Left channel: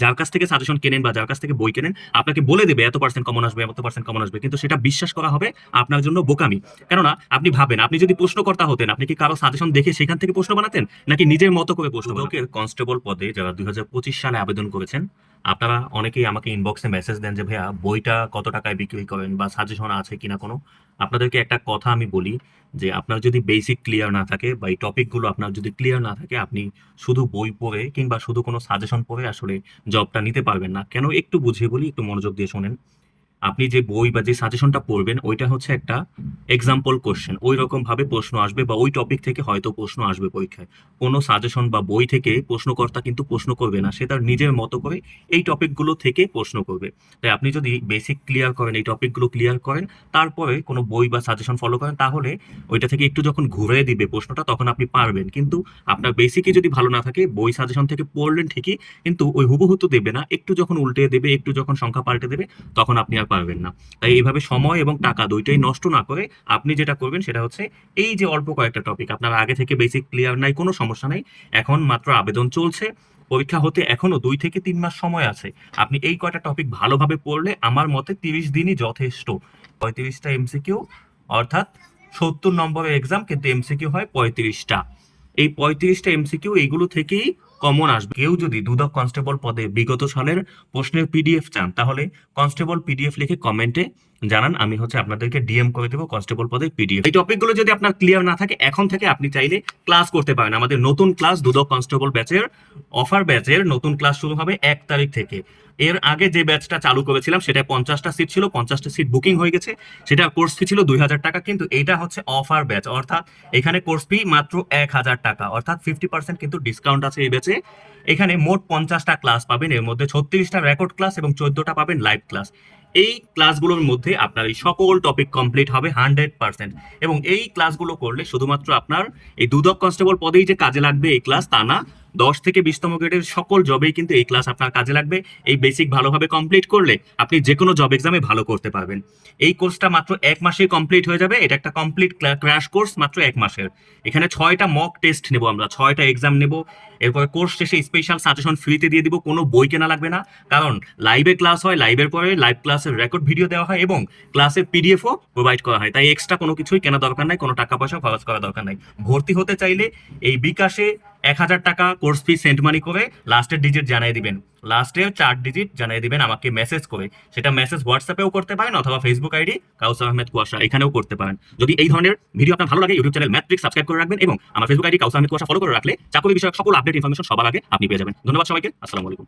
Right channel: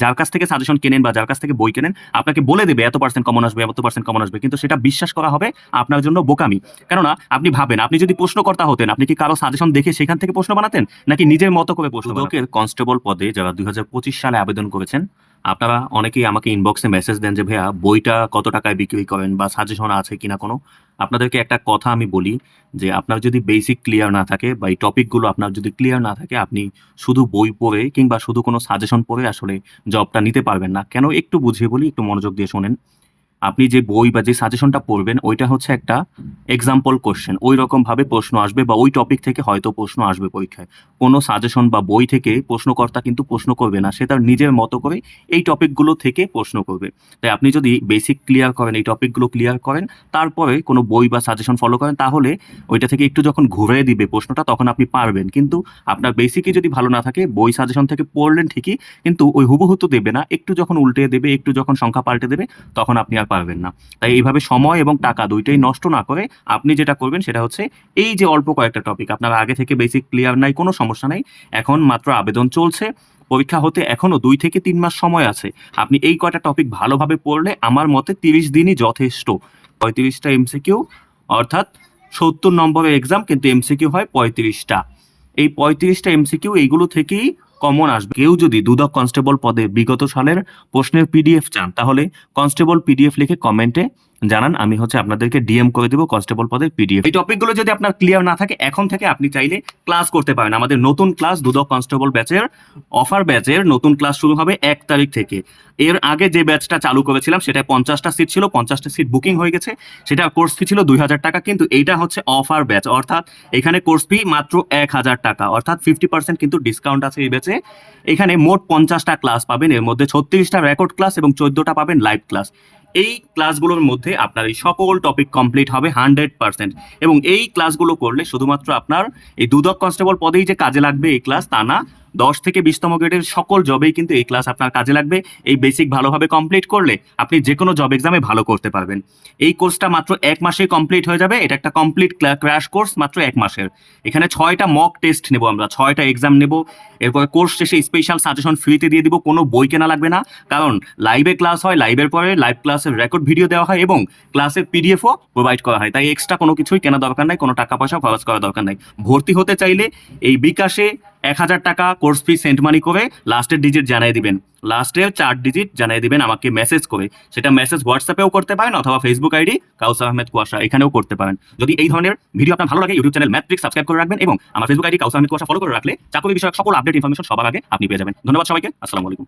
যার কাছ থেকে সাজেশন কেনেন বা যার কাছ থেকে বই কেনেন আপনাকে বলে দেবে এত পার্সেন্ট কমন আসবে এত পার্সেন্ট কমন আসবে। কিন্তু সেটা বিশ্বাস করা হবে আপনার জন্য বোকামি। কেননা আপনি ভাবেন আপনি যদি প্রশ্নকর্তা হতেন আপনি কি কারও সাজেশন দেখে সেখান থেকে প্রশ্ন বানাতেন? নাকি নিজের মতো করে প্রশ্ন কনস্টেবল পদে যারা দুই হাজার পঁচিশ সালে আবেদন করেছেন আপনারা অনেকেই আমাকে ইনবক্সে মেসেজ দেন যে, ভাইয়া, বইটা কত টাকায় বিক্রি করেন বা সাজেশন আছে কিনা কোনো? আপনাদেরকে একটা কথা আমি বলি যে, আপনার যদি বেসিক ক্লিয়ার না থাকে বা এই টপিকগুলো আপনার যদি ক্লিয়ার না থাকে, আপনি শুধু বই পড়ে কিংবা শুধু কোনো সাজেশন পড়ে আসলে জবটা নিতে পারবেন না। কেন? একটু বুঝিয়ে বলি, একটু মনোযোগ দিয়ে শোনেন। আপনি যে বই বা যে সাজেশনটা পড়বেন, ওইটা হচ্ছে একটা এক্সাম্পল কোশ্চেন ওই রকম ভাবে প্রশ্ন আসবে বা ওই টপিক থেকে হয়তো প্রশ্ন আসবে পরীক্ষায়। কোনো সাজেশন বা বই থেকে প্রশ্নকর্তা কিন্তু প্রশ্ন করবে না, সে তার নিজের মতো করে এই টপিকগুলো থেকে প্রশ্ন করবে। তাই আপনি যদি বেসিক ক্লিয়ার করেন, এই টপিকগুলো ক্লিয়ার করেন, তারপরে কোনো বই বা সাজেশন ফলো করেন, তাহলে ওইটা থেকে একটু যখন ঘুরে দিবে প্রশ্নটা, তখন আপনি পারবেন। কিন্তু আপনার বেসিকই যদি ভালো না থাকে, বই সাজেশন থেকে পড়লেন ঠিকই, কিন্তু ওই হুবহু তো দেবে না। একটু যখন উল্টে দেবে, একটু যখন সংখ্যা পাল্টে দেবে, তখন আপনি আর পারবেন না। তাই এইভাবে সময় এবং টাকা দুইটাই নষ্ট না করে আপনি যেটা করবেন সেটা হচ্ছে এই যে অল্প কয়েকটা টপিক আপনার আগে থেকে বেসিক ক্লিয়ার নাই, কোনো সমস্যা নাই। এখন মাত্র আবেদন চলছে। পরীক্ষা হতে এখনও দুই থেকে তিন মাস সময় আছে। আপনি এই কয়টা টপিক ভালোভাবে পড়লে আমার মতে তিরিশ দিনই যথেষ্ট। পঁয়ত্রিশটা এমসিকিউ অর্থাৎ সত্তর নম্বরের এক্সাম কিন্তু এমসিকিউ হয় পঁয়ত্রিশটা। এই পঁয়ত্রিশটা এমসিকিউ এইগুলো থেকেই কমন আসবে। কেউ যদি দুদক কনস্টেবল পদে বিগত সালের প্রশ্নের পিডিএফ চান, তাহলে কনস্টেবল পিডিএফ লিখে কমেন্টে জানান, আমি হচ্ছে আপনাদেরকে ডিএম করে দেবো কনস্টেবল পদের পিডিএফ এই টপিকগুলো যদি আপনার ক্লিয়ার না থাকে, এখন থেকে আপনি চাইলে ক্লাস করতে পারেন। আমাদের নতুন ক্লাস দুদক কনস্টেবল ব্যাচের অফার ব্যাচের নতুন ক্লাস শুরু হবে এক তারিখ থেকে। এর আগে যে ব্যাচটা চালু করেছিলাম, সেটা পঞ্চাশটা সিট ছিল, পঞ্চাশটা সিট বুকিং হয়ে গেছে। সেটা কোর্স ফি ছিল দুই হাজার টাকা, কিন্তু এইটা হচ্ছে অফার ব্যাচ অর্থাৎ এখানে কোর্স ফি মাত্র এক হাজার টাকা। অর্থাৎ ফিফটি পার্সেন্ট কিন্তু ডিসকাউন্ট আছে এই ব্যাচে এখানে মোট পঞ্চাশটা ক্লাস পাবেন। এর মধ্যে ছত্রিশটা রেকর্ড ক্লাস এবং চোদ্দটা পাবেন লাইভ ক্লাস এই ক্লাসগুলোর মধ্যে আপনার এই সকল টপিক কমপ্লিট হবে হান্ড্রেড পার্সেন্ট এবং এই ক্লাসগুলো করলে শুধুমাত্র আপনার এই দুদক কনস্টেবল পদেই যে কাজে লাগবে এই ক্লাস তা না দশ থেকে বিশতম গ্রেডের সকল জবেই কিন্তু এই ক্লাস আপনার কাজে লাগবে। এই বেসিক ভালোভাবে কমপ্লিট করলে আপনি যে কোনো জব এক্সামে ভালো করতে পারবেন। এই কোর্সটা মাত্র এক মাসেই কমপ্লিট হয়ে যাবে। এটা একটা কমপ্লিট ক্র্যাশ কোর্স মাত্র এক মাসের। এখানে ছয়টা মক টেস্ট নেব আমরা, ছয়টা এক্সাম নেব। এরপরে কোর্স শেষে স্পেশাল সাজেশন ফ্রিতে দিয়ে দিব, কোনো বই কেনা লাগবে না। কারণ লাইভে ক্লাস হয় লাইভের পরে লাইভ ক্লাসের রেকর্ড ভিডিও দেওয়া হয় এবং ক্লাসের পিডিএফও প্রোভাইড করা হয়। তাই এক্সট্রা কোনো কিছুই কেনা দরকার নাই, কোনো টাকা পয়সা খরচ করা দরকার নাই। ভর্তি হতে চাইলে এই বিকাশে এক হাজার টাকা কোর্স ফি সেন্ট মানি করে লাস্টের ডিজিট জানাই দিবেন। লাস্টের চার ডিজিট জানাই দিবেন আমাকে মেসেজ করে। সেটা মেসেজ হোয়াটসঅ্যাপেও করতে পারেন অথবা ফেসবুক আইডি কাউসার আহমেদ কুয়াশা এখানেও করতে পারেন। যদি এই ধরনের ভিডিও আপনার ভালো লাগে ইউটিউব চ্যানেল ম্যাট্রিক সাবস্ক্রাইব করে রাখবেন এবং আমার ফেসবুক আইডি কাউসার আহমেদ কুয়াশা ফলো করে রাখলে চাকরি বিষয়ক সকল আপডেট ইনফরমেশন সবার আগে আপনি পেয়ে যাবেন। ধন্যবাদ সবাইকে, আসসালামু আলাইকুম।